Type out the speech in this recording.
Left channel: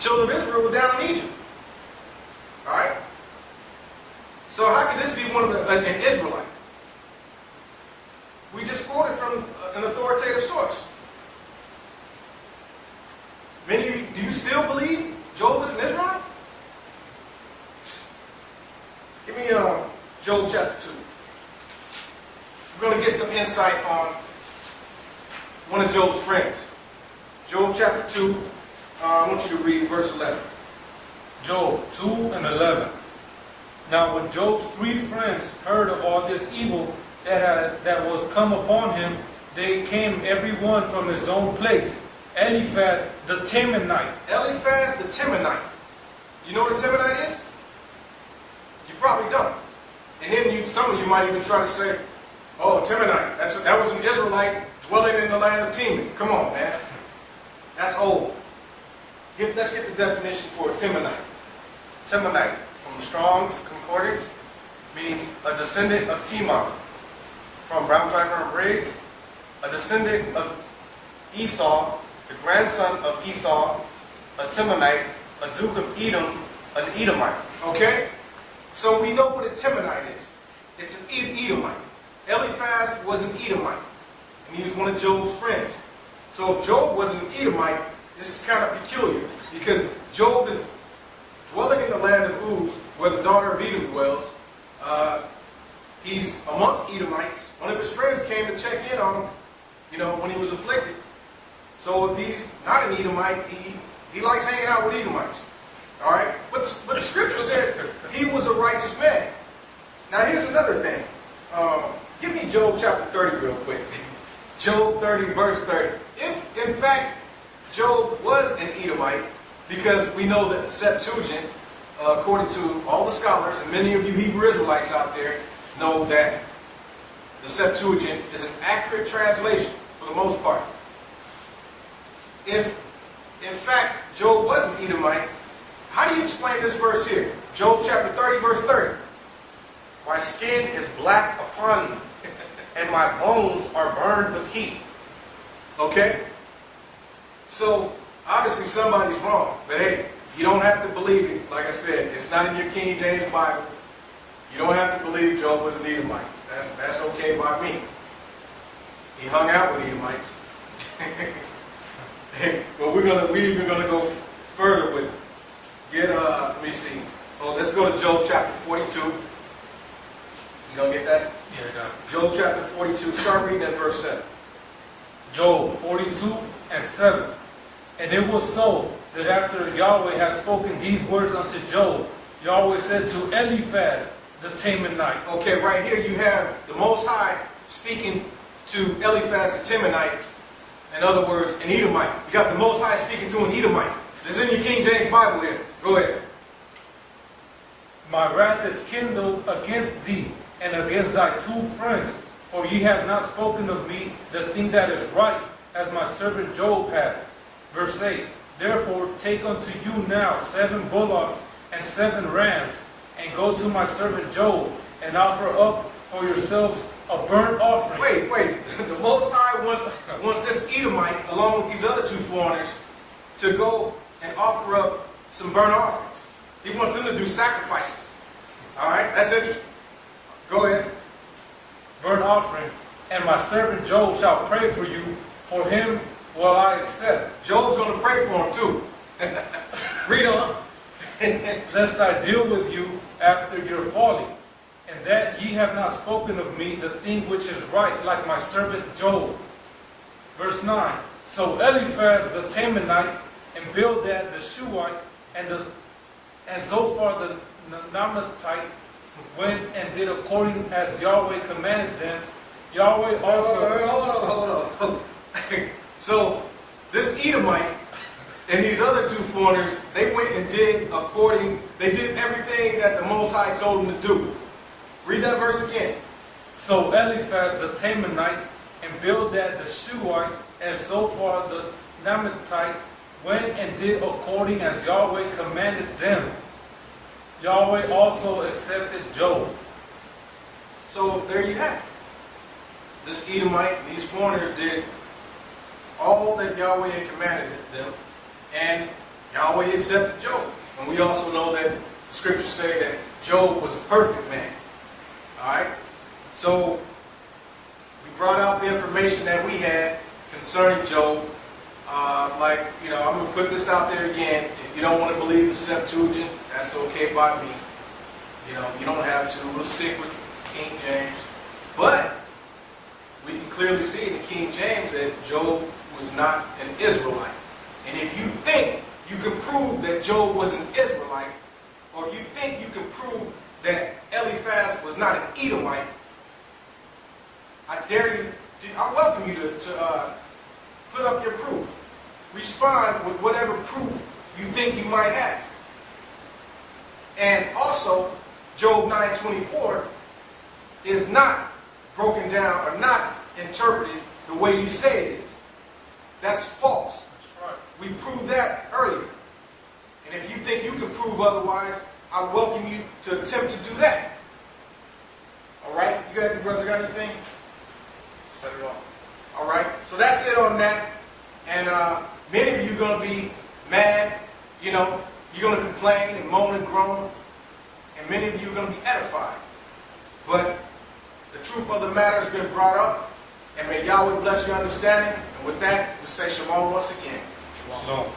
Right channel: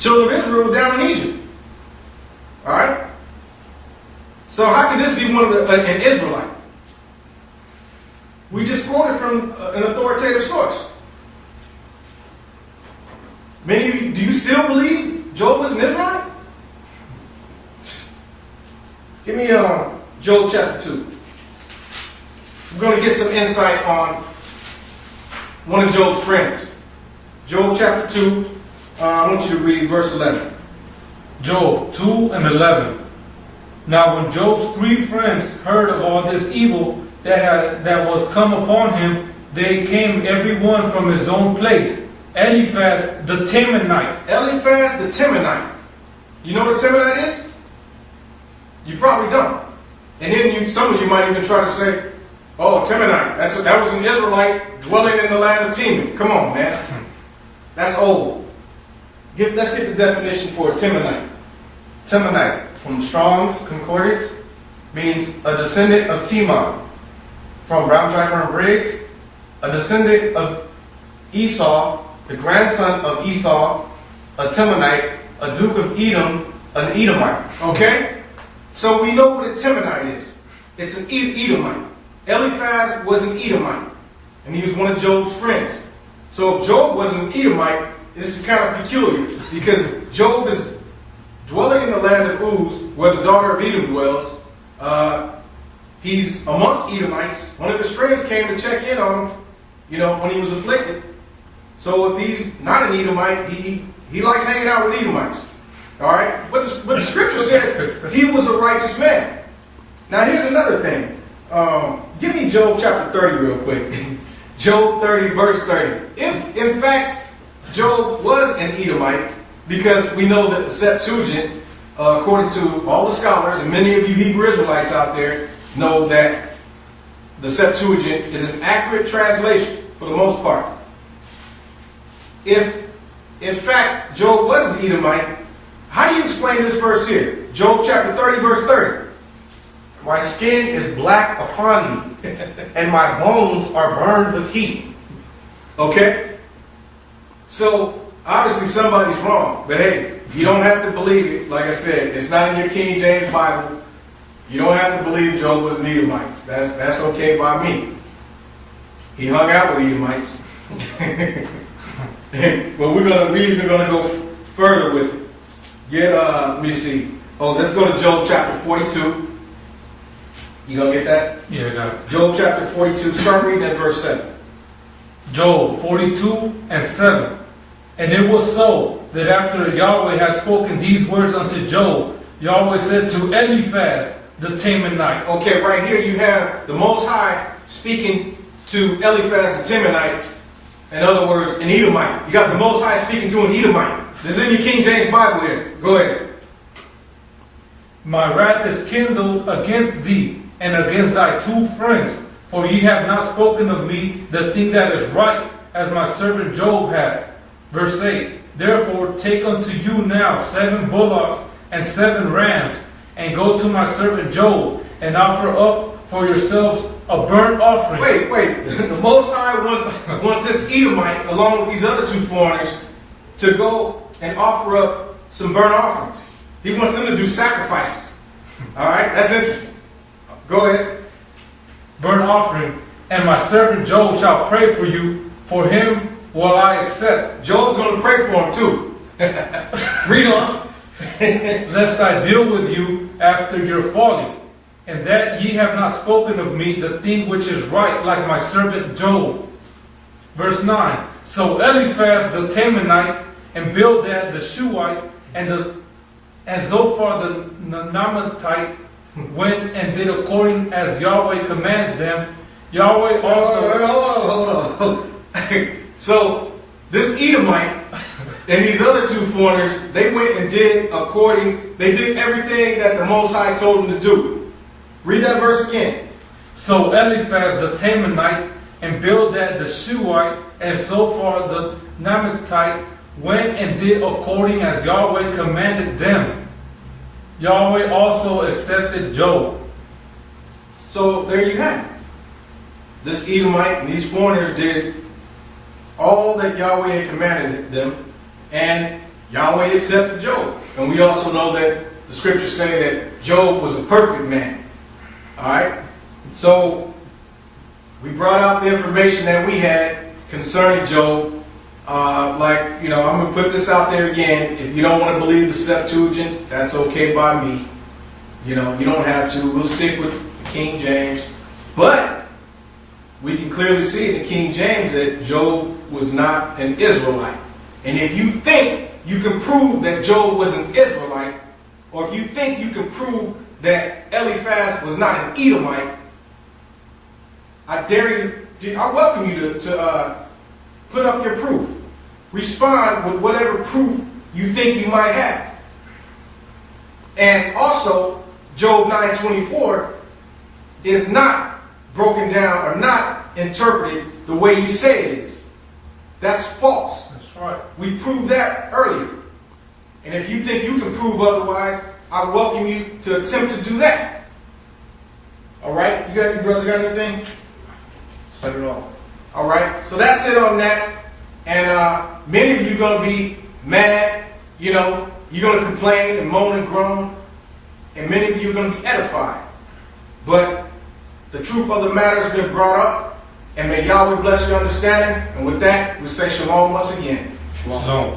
children of Israel were down in Egypt. All right? So how can this be one of an Israelite? We just quoted from an authoritative source. Many of you, do you still believe Job was an Israelite? Give me Job chapter 2. We're going to get some insight on one of Job's friends. Job chapter 2, I want you to read verse 11. Job 2 and 11. Now when Job's 3 friends heard of all this evil that was come upon him, they came every one from his own place. Eliphaz the Temanite. Eliphaz the Temanite. You know what a Temanite is? You probably don't. And then some of you might even try to say, oh, Temanite, that was an Israelite dwelling in the land of Teman. Come on, man. That's old. Let's get the definition for a Temanite. Temanite, from Strong's Concordance, means a descendant of Teman. From Brown Tracker and Briggs, a descendant of Esau, the grandson of Esau, a Temanite, a duke of Edom, an Edomite. Okay? So we know what a Temanite is. It's an Edomite. Eliphaz was an Edomite. And he was one of Job's friends. So if Job was an Edomite, this is kind of peculiar. Because Job is dwelling in the land of Uz, where the daughter of Edom dwells. He's amongst Edomites. One of his friends came to check in on him, when he was afflicted. So if he's not an Edomite, he likes hanging out with Edomites. All right? But the scripture said he was a righteous man. Now here's another thing. Give me Job chapter 30 real quick. Job 30 verse 30. If in fact Job was an Edomite, because we know that the Septuagint, according to all the scholars and many of you Hebrew Israelites out there, know that the Septuagint is an accurate translation for the most part. If in fact Job was an Edomite, how do you explain this verse here? Job chapter 30 verse 30. My skin is black upon me, and my bones are burned with heat. Okay? So obviously somebody's wrong. But hey, you don't have to believe it. Like I said, it's not in your King James Bible. You don't have to believe Job was an Edomite. That's okay by me. He hung out with Edomites. But we're even gonna go further with it. Let me see. Oh, let's go to Job chapter 42. You gonna get that? Yeah, I got it. Job chapter 42. Start reading at verse 7. Job 42 and 7. And it was so that after Yahweh had spoken these words unto Job, Yahweh said to Eliphaz the Temanite. Okay, right here you have the Most High speaking to Eliphaz the Temanite. In other words, an Edomite. You got the Most High speaking to an Edomite. This is in your King James Bible here. Go ahead. My wrath is kindled against thee and against thy 2 friends, for ye have not spoken of me the thing that is right, as my servant Job had. Verse 8. Therefore take unto you now 7 bullocks and 7 rams, and go to my servant Job, and offer up for yourselves a burnt offering. Wait. The Most High wants this Edomite, along with these other 2 foreigners, to go and offer up some burnt offerings. He wants them to do sacrifices. All right? That's interesting. Go ahead. Burnt offering, and my servant Job shall pray for you. For him will I accept. Job's going to pray for him too. Read on. Lest I deal with you after your folly, and that ye have not spoken of me the thing which is right, like my servant Job. Verse 9. So Eliphaz the Temanite, and Bildad the Shuhite, and Zophar the Naamathite went and did according as Yahweh commanded them. Yahweh also... Hold on. So this Edomite and these other 2 foreigners, they went and did everything that the Most High told them to do. Read that verse again. So Eliphaz the Temanite, and Bildad the Shuhite, and Zophar the Naamathite went and did according as Yahweh commanded them. Yahweh also accepted Job. So there you have it. This Edomite and these foreigners did all that Yahweh had commanded them, and Yahweh accepted Job. And we also know that the scriptures say that Job was a perfect man. Alright? So, we brought out the information that we had concerning Job. I'm going to put this out there again. If you don't want to believe the Septuagint, that's okay by me. You don't have to. We'll stick with King James. But we can clearly see in the King James that Job was not an Israelite. And if you think you can prove that Job was an Israelite, or if you think you can prove that Eliphaz was not an Edomite, I dare you, I welcome you to put up your proof. Respond with whatever proof you think you might have. And also, Job 9:24 is not broken down or not interpreted the way you say it is. That's false. That's right. We proved that earlier. And if you think you can prove otherwise, I welcome you to attempt to do that. All right? You brothers got anything? Set it off. All right? So that's it on that. And many of you are going to be mad. You're going to complain and moan and groan. And many of you are going to be edified. But the truth of the matter has been brought up. And may Yahweh bless your understanding. And with that, we say shalom once again. Shalom.